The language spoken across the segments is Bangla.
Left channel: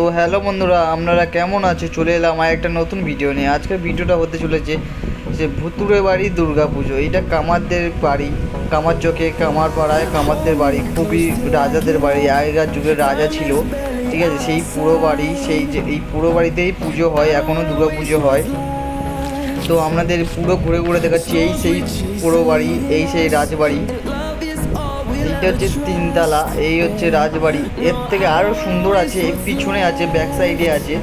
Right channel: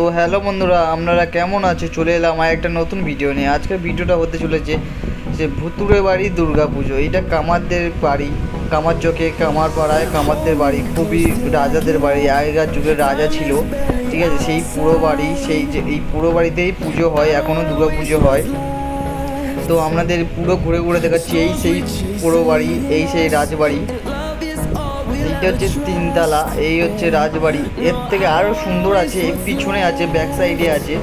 তো হ্যালো বন্ধুরা, আপনারা কেমন আছে? চলে এলাম আর একটা নতুন ভিডিও নিয়ে। আজকের ভিডিওটা হতে চলেছে যে ভুতুড়ে বাড়ি দুর্গা পুজো। এইটা কামারদের বাড়ি, কামার চকে কামার পাড়ায় কামারদের বাড়ি, খুবই রাজাদের বাড়ি, আগেকার যুগের রাজা ছিল, ঠিক আছে। সেই পুরো বাড়ি, সেই যে এই পুরো বাড়িতেই পুজো হয়, এখনও দুর্গা পুজো হয়। তো আপনাদের পুরো ঘুরে ঘুরে দেখাচ্ছি। এই সেই পুরো বাড়ি, এই সেই রাজবাড়ি। এইটা হচ্ছে তিনতলা, এই হচ্ছে রাজবাড়ি। এর থেকে আরও সুন্দর আছে, পিছনে আছে, ব্যাক সাইডে আছে,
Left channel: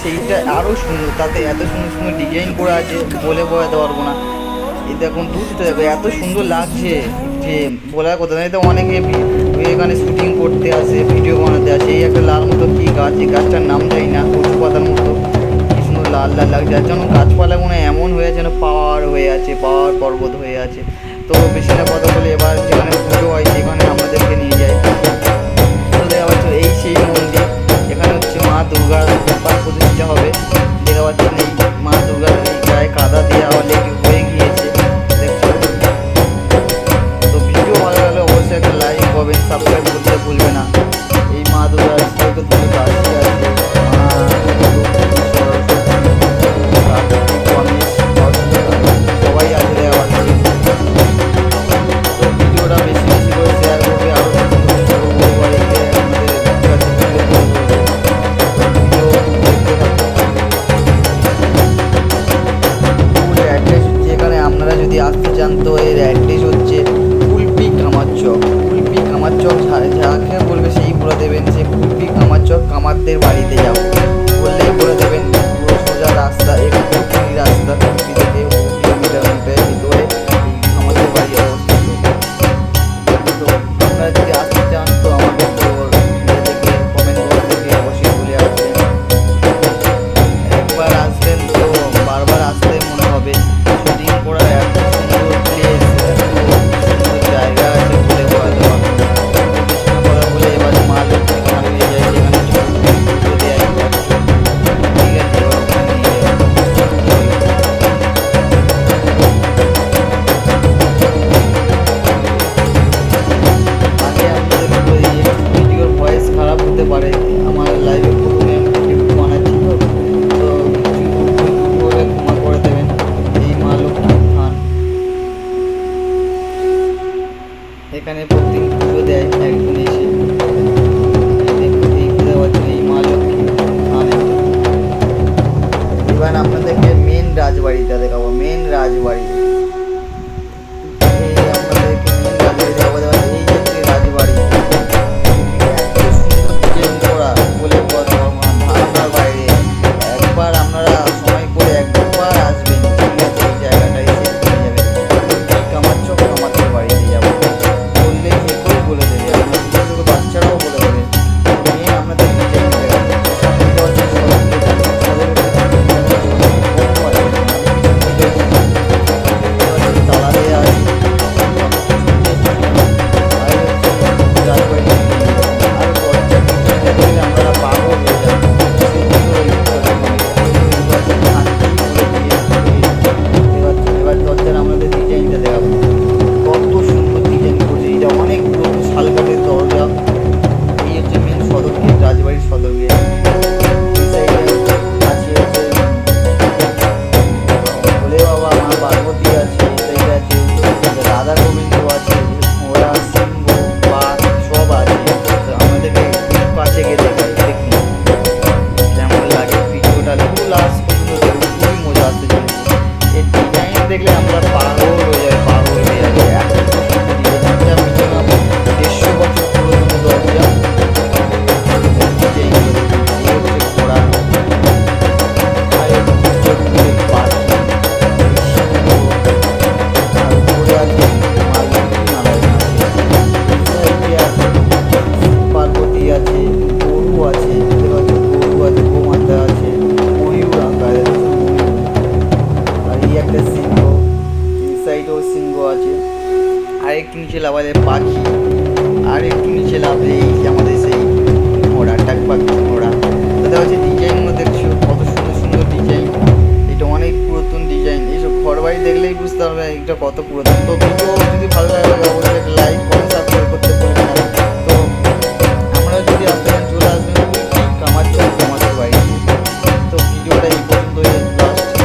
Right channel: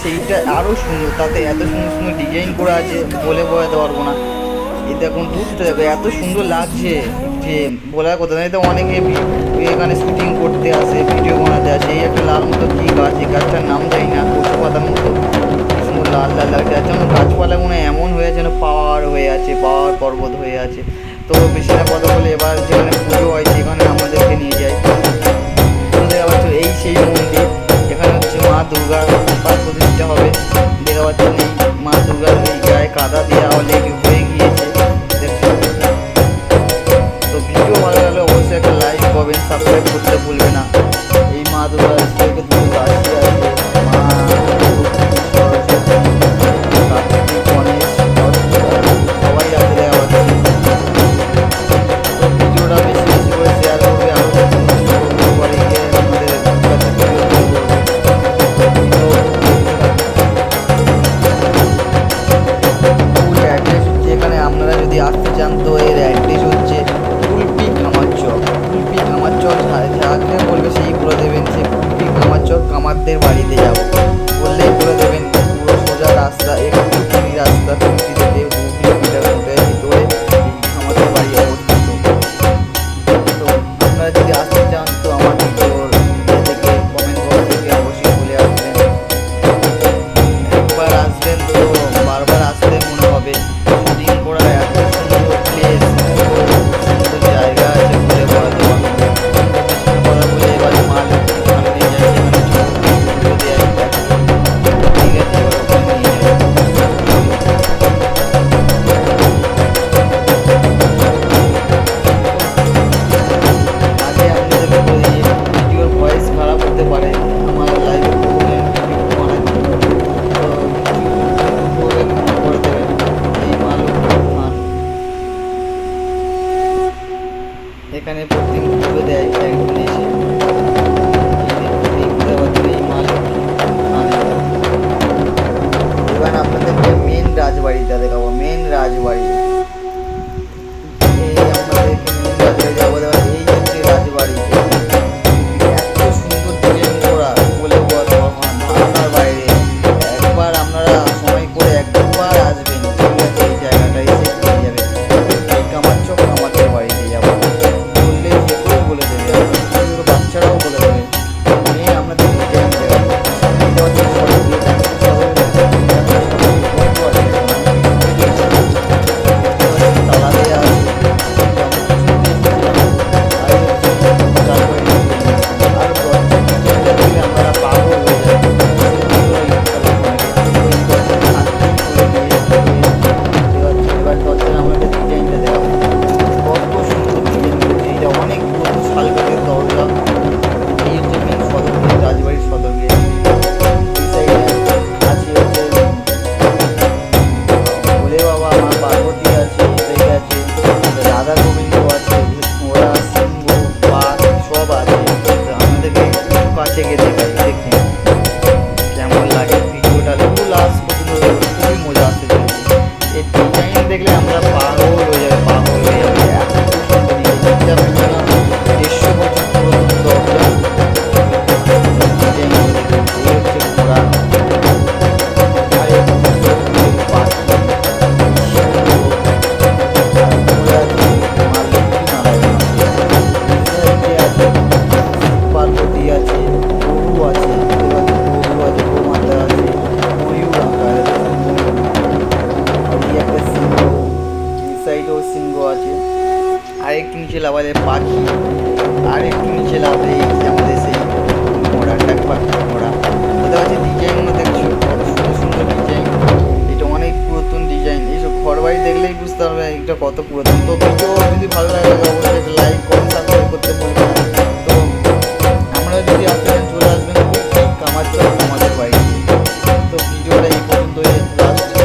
সেইটা আরও সুন্দর। তাতে এত সুন্দর সুন্দর ডিজাইন করা আছে, বলে বোঝাতে পারবো না। এই দেখুন, দূরটা দেখো, এত সুন্দর লাগছে যে বলার কথা নয়। তো অনেকে এখানে শুটিং করতে আসে, ভিডিও বানাতে আসে। এই একটা লাল মতো কী গাছ, এই গাছটার নাম জানি না, কচু পাতার মতো কী সুন্দর লাল লাল লাগছে। আর যেন গাছপালা মনে এমন হয়ে আছে, যেন পাহাড় হয়ে আছে, পাহাড় পর্বত হয়ে আছে। তো বেশি না কথা বলে এবার যেখানে পুজো হয় সেখানে আমাদেরকে নিয়ে যায়। তো দেখা পাচ্ছ এই সেই মন্দির, এখানে হচ্ছে মা দুর্গা প্রতিষ্ঠা হবে। দেখা পাচ্ছেন এই মা দুর্গার এই গায়ে কাদা দেওয়া অলরেডি হয়ে গিয়েছে, দেখছো। তো ভিডিও ভালো লাগলে অবশ্যই একটা লাইক করবেন, সাবস্ক্রাইব করতে ভুলবে না। এই মা দুর্গার দুটো দাসী আছে, মা লক্ষ্মী, সরস্বতী, কার্তিক, গণেশ, সবাই আছে দেখা পাচ্ছেন। তো ভিডিওটা বেশি বেশি করে শেয়ার করবে, আরও নতুন নতুন বড়ো বড়ো বাড়ি গিয়ে আমাদের কাছে ভিডিও তুলে করবে। তো ভিডিও দেখতে থাকুন। ফুল অ্যাড্রেস হচ্ছে এখানে, আপনারা যদি আসতে চান তো এর অ্যাড্রেস হচ্ছে কুলপি কামার চক। কুলপি কামার চক, যাকে বলবে সেই বলে দেবেন সে কুলপি কামার চক কামারদের বাড়িতে যাবো বললেই বলে দেবেন। পুরো সোজা রাস্তা, একটুখানি রাস্তা, কুলপি থেকে 2 কিলোমিটার মোটের ভিতরে এই কামারদের বাড়ি অবস্থিত। তো আপনারা যদি আসতে চান তো আমার ভিডিওর থেকে কমেন্ট বক্স থেকে অবশ্যই বলে আসবেন। একবার আসবেন তো বারবার আসতে মনে হবে। শুটিং করার এত সুন্দর প্লেস, এত সুন্দর জায়গা আছে, বলে বোঝাতে পারবো না। তো বেশি না কথা বলে এবার মা লক্ষ্মী ওখানে নিয়ে যাই, যেখানে চৌকি পুজো দেয় একজন, ঠিক আছে। এবার ওখানে নিয়ে যাই, ভিডিওর ভয়েস খারাপ হতে পারে। আমার লাইভে প্রথমে ভিডিও বানাচ্ছি, তো তো কিছু হলে ক্ষমা করে দেবেন। এই মা লক্ষ্মীর থান, এখানে প্রত্যেক পুজো দেয় একজন এসে। এই পুজো পাচ্ছেন এই মা লক্ষ্মীর থান। এবার আপনাদেরকে মেন রাজবাড়িটা দেখাবো, মেন রাজবাড়ি। এই আপনাদেরকে মেন রাজবাড়ি দেখাবো। এই হচ্ছে রাজবাড়ি, এত সুন্দর ডিজাইন করা, বলে বোঝাতে পারবো না, ধারণার বাইরে। একবার আপনারা সময় করে একবার আসবেন, ঠিক আছে। এই জায়গাটা এসে ঘুরে যাবে। কামার চক কামারদের বাড়িতে যাবো বললে যে কেউ বলে দেবে, আপনার ছোটো ছোটো বাচ্চারাও বলে দেবে। মেন আপনাদের ডিজাইন দেখাবো। সামনে এটা হচ্ছে সদর গেট, সদর গেট থেকে সদর গেট বন্ধ আছে এখন, আমি পিছন থেকে এসেছি। এটা হচ্ছে তালা দেওয়া আছে, আমি পিছন দিয়ে এসেছিলাম। আর হচ্ছে রাজবাড়ির ডিজাইন, আর দরজার ডিজাইনটা দেখলে আমরা পাগল হয়ে যাবে। সে ভিতরে চলো অনেকে, আমি তো এই দরজাটা হাতকেই খুলে দিয়ে দেখতে পাচ্ছি। এবার দরজার আমাদের ডিজাইনটা দেখাবো, কত সুন্দর ডিজাইন করছে। এটা অনেক পুরোনো শালকাঠের দরজা। এই হচ্ছে মেন সদর গেট, রাজবাড়ির সদর গেট। এই সাইডে আছে হচ্ছে ভোলে বাবা, মা পার্বতী আছে, এই সাইডে আছে রাধা গোবিন্দ আছে, ঘোড়া, সিংহ, বাঘ সব আছে। তো আমাদেরকে একটু কাছে গিয়ে দেখাই, দেখুন কেমন লাগে। ভিডিওটা পুরো লাস্ট পর্যন্ত দেখুন, খুবই মজা আসতে চলেছে। এই ডিজাইন দেখলে আমরা পাগল হয়ে যাবে, পাগল হয়ে যাবে। এত সুন্দর ডিজাইন, এটা মিনিমাম 150 বছর পুরাতন দরজা। ডিজাইনগুলো দেখুন, এই হচ্ছে ঘোড়া, আর পাখি, সিংহ, আর উপরে আছে মা লক্ষ্মী নারায়ণ আছে, এই সাইডে আছে শিব পার্বতী আছে, গরু আছে, গরু আছে, গোমাতা আছে, ময়ূর আঁকা আছে, ময়ূর। আর এই একটা সিংহ, এই সাইডেও সিংহ আছে। আর একটু নিচে লাভালে পাখি, আর একটু নিচে লাভলে এই আমাদের সেই ঘোড়া, টাকপাক ঘোড়া। তাদের হচ্ছে ডিজাইনগুলো দেখছো, কত সুন্দর সুন্দর ডিজাইন। এটা অনেক পুরাতন ডিজাইন। এইসব ঘর বাড়ি দেখলেই বুঝতে পারবে এটা কত পুরাতন। তো ভিডিও যদি ভালো লাগে অবশ্যই একটা লাইক, কমেন্ট, সাবস্ক্রাইব করতে ভুলবেন না। তো আমরা যদি আসতে চান চলে আসবেন কুলপি কামার এই পর্যন্তই লাস্ট।